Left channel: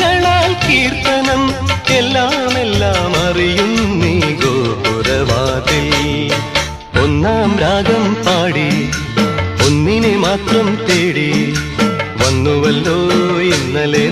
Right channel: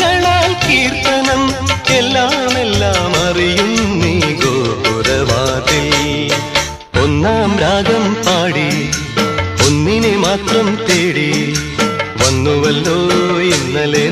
സ്വരങ്ങളാൽ കീർത്തനം എല്ലാം അറിയും നീ ഗോപുരവാതിൽ. ഒന്നാം രാഗം പാടി ഒന്നിനെ മാത്രം തേടി വന്നുവല്ലോ ഇന്നലെ